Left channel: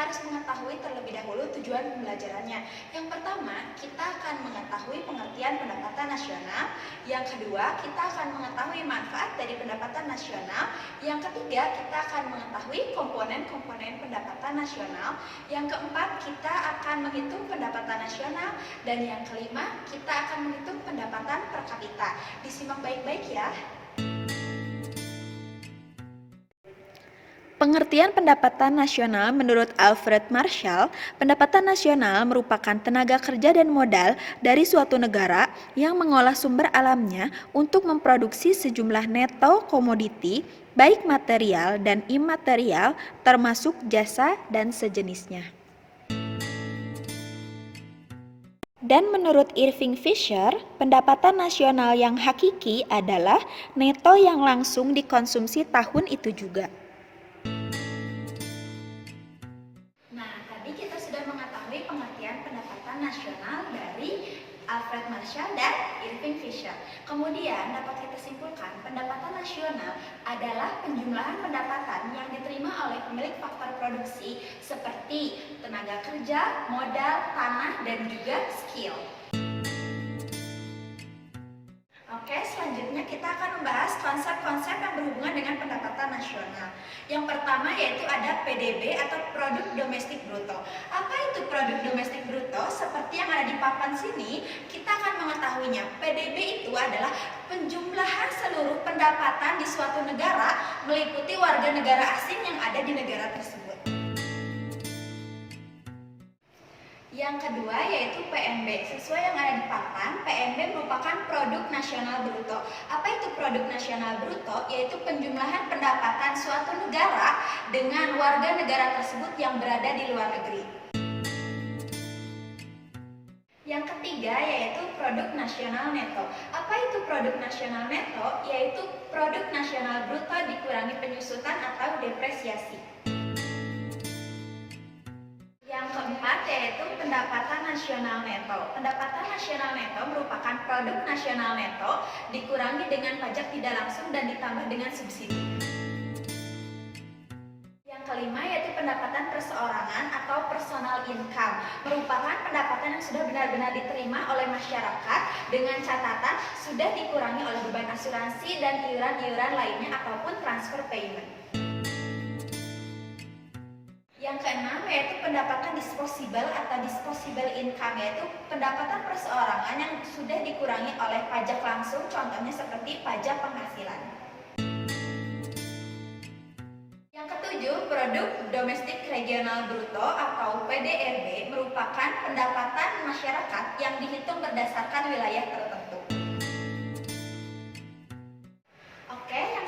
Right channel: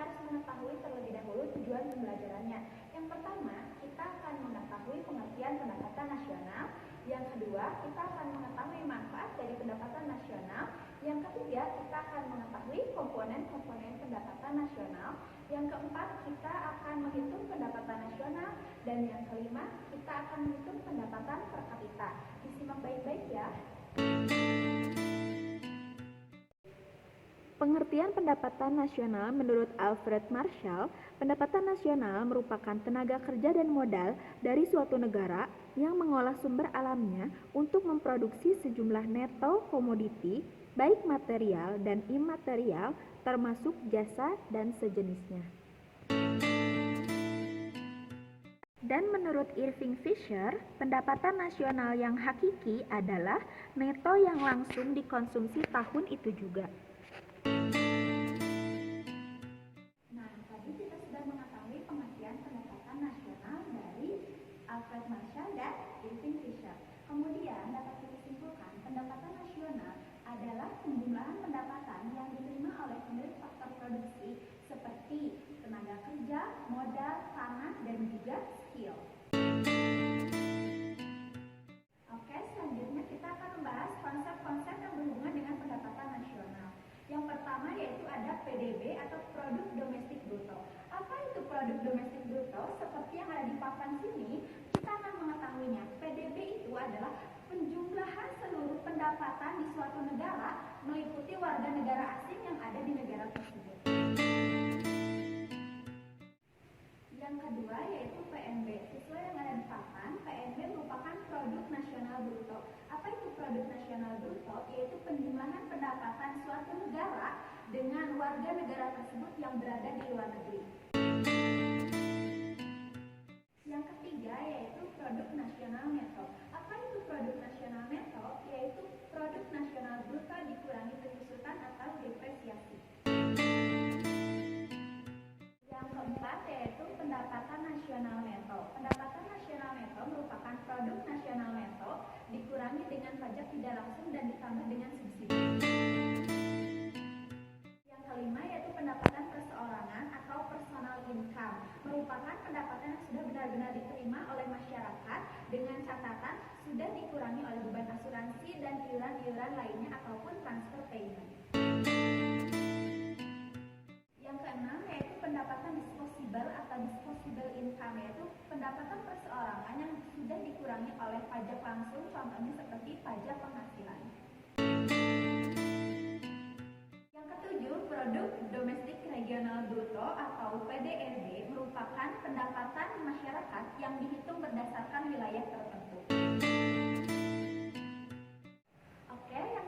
harus mengetahui terlebih dahulu tujuan pembelajarannya. Yang pertama, kita akan mengetahui pengertian pendapatan nasional. Yang kedua, kita akan mengetahui manfaat dari pendapatan nasional. Yang ketiga, kita akan mengetahui komponen-komponen pendapatan nasional. Yang keempat, kita akan menghitung pendapatan nasional. Dan yang kelima, kita akan menghitung pendapatan per kapita. Disimak baik-baik ya. Pengertian pendapatan nasional menurut Alfred Marshall, pendapatan nasional merupakan tenaga kerja dan modal dari suatu negara yang mengolah sumber alamnya untuk memproduksi sejumlah neto komoditi, baik material dan imaterial, termasuk jasa dan sejenisnya. Dan menurut Irving Fisher, pendapatan nasional yang hakiki adalah neto yang langsung dikonsumsi tahun itu juga. Tadi kita sudah mengetahui pengertian pendapatan nasional dari Alfred Marshall dan Irving Fisher. Kemudian dapat kita simpulkan pendapatan nasional adalah penjumlahan pendapatan yang diterima oleh pemilik faktor produksi seperti tenaga kerja, modal, tanah, dan juga skill. Oke, selanjutnya kita akan membahas konsep-konsep yang berhubungan dengan pendapatan nasional. Yang pertama yaitu ada PDB atau Produk Domestik Bruto. Apa itu Produk Domestik Bruto? Seperti yang ada di papan sini, kita akan mengetahuinya. PDB itu adalah penjumlahan seluruh pendapatan di suatu negara meliputi warga negara asing yang ada di negara tersebut. Yang kedua yaitu PNB. Sesuai yang ada di papan, PNB merupakan produk nasional bruto. Apa itu produk nasional bruto? Yaitu penjumlahan pendapatan suatu negara dengan warga negara tersebut yang berada di luar negeri. Yang ketiga yaitu produk nasional neto. Apa itu produk nasional neto? Yaitu produk nasional bruto dikurangi penyusutan atau depresiasi. Yang keempat yaitu pendapatan nasional neto. Pendapatan nasional neto merupakan produk nasional neto dikurangi dengan pajak tidak langsung dan ditambah dengan subsidi. Yang kelima yaitu pendapatan perseorangan atau personal income. Merupakan pendapatan yang sudah benar-benar diterima oleh masyarakat dengan catatan sudah dikurangi oleh beban asuransi dan iuran-iuran lainnya ataupun transfer payment. Yang keenam yaitu pendapatan disposable atau disposable income, yaitu pendapatan perseorangan yang sudah dikurangi oleh pajak langsung, contohnya seperti pajak penghasilan. Yang ketujuh, produk domestik regional bruto atau PDRB merupakan pendapatan masyarakat yang dihitung berdasarkan wilayah tertentu.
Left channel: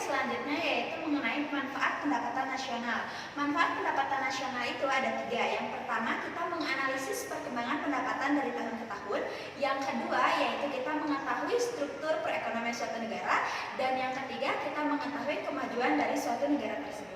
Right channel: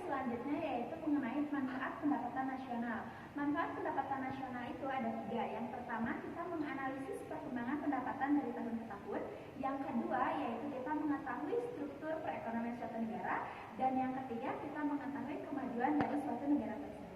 Selanjutnya yaitu mengenai manfaat pendapatan nasional. Manfaat pendapatan nasional itu ada tiga. Yang pertama, kita menganalisis perkembangan pendapatan dari tahun ke tahun. Yang kedua, yaitu kita mengetahui struktur perekonomian suatu negara. Dan yang ketiga, kita mengetahui kemajuan dari suatu negara tersebut.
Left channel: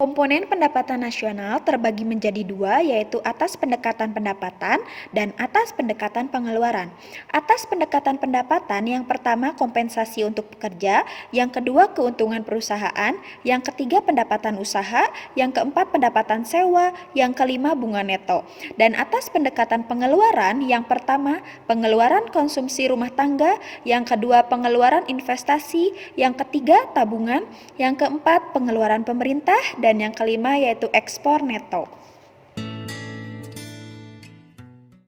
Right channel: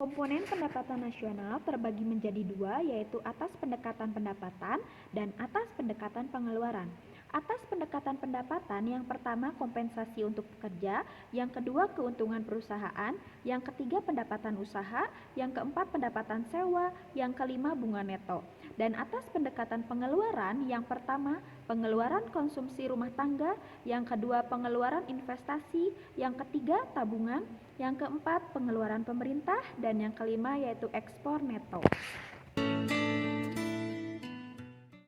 Komponen pendapatan nasional terbagi menjadi dua, yaitu atas pendekatan pendapatan dan atas pendekatan pengeluaran. Atas pendekatan pendapatan, yang pertama kompensasi untuk pekerja, yang kedua keuntungan perusahaan, yang ketiga pendapatan usaha, yang keempat pendapatan sewa, yang kelima bunga neto. Dan atas pendekatan pengeluaran, yang pertama pengeluaran konsumsi rumah tangga, yang kedua pengeluaran investasi, yang ketiga tabungan, yang keempat pengeluaran pemerintah, dan yang kelima yaitu ekspor neto.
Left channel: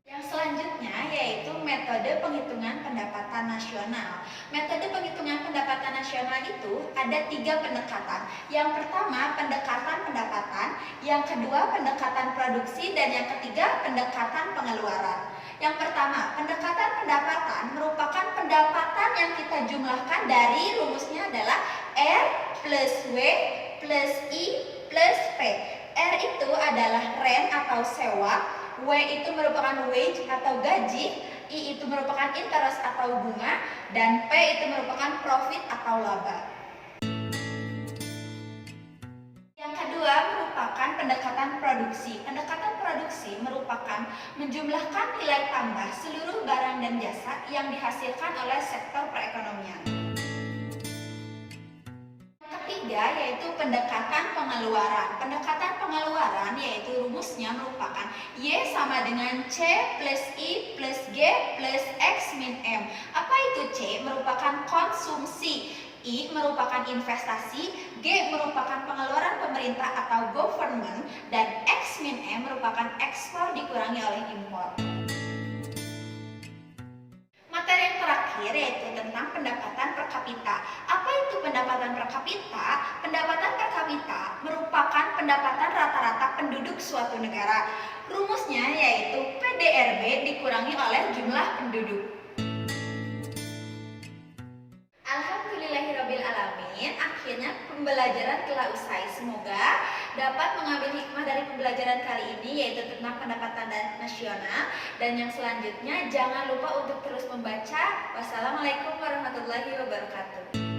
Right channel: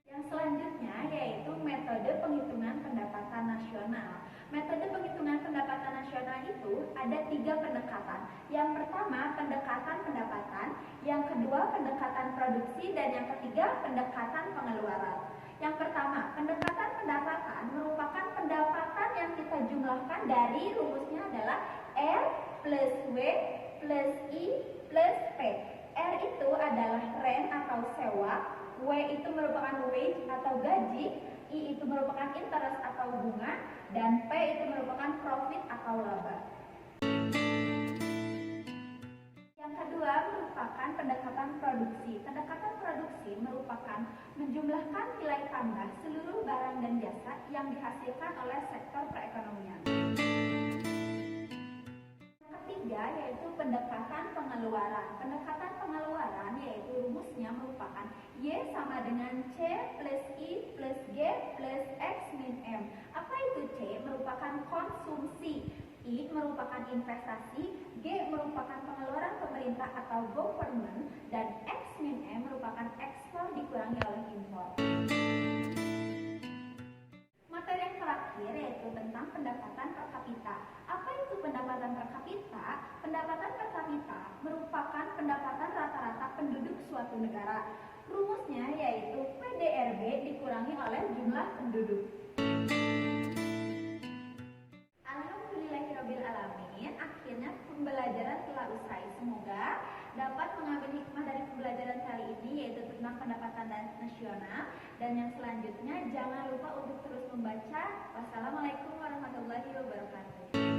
Yang selanjutnya yaitu metode penghitungan pendapatan nasional. Metode penghitungan pendapatan nasional itu ada tiga pendekatan. Yang pertama pendekatan pendapatan, yang kedua pendekatan produksi, dan yang ketiga pendekatan pengeluaran. Yang pertama, pendekatan pendapatan merupakan pendapatan yang kita jumlahkan dari rumusnya adalah R plus W plus I plus P. R itu adalah rent atau sewa, W itu merupakan wage atau gaji, I itu merupakan interest atau bunga, dan P itu merupakan profit atau laba. Yang kedua merupakan pendekatan produksi. Pendekatan produksi merupakan menjumlahkan nilai tambah seluruh barang dan jasa yang dihasilkan oleh sektor perekonomian. Yang ketiga yaitu pendekatan pengeluaran. Pendekatan pengeluaran yaitu rumusnya merupakan Y sama dengan C plus I plus G plus X min M. Apa itu C? Merupakan konsumsi, I merupakan investasi, G merupakan pengeluaran pemerintah atau government, dan X min M merupakan ekspor dikurangi oleh impor. Materi yang terakhir yaitu tentang pendapatan per kapita. Apa itu pendapatan per kapita? Pendapatan per kapita merupakan pendapatan rata-rata penduduk suatu negara. Rumusnya yaitu PDRB dikurangi oleh jumlah penduduk. Alhamdulillahirrabbilalamin, akhirnya pembelajaran telah usai. Semoga dapat mengambil hikmah dari pembelajaran kali ini yaitu tentang pendapatan nasional. Dan yang selanjutnya jangan lupa untuk terus membaca. Wassalamualaikum warahmatullahi wabarakatuh.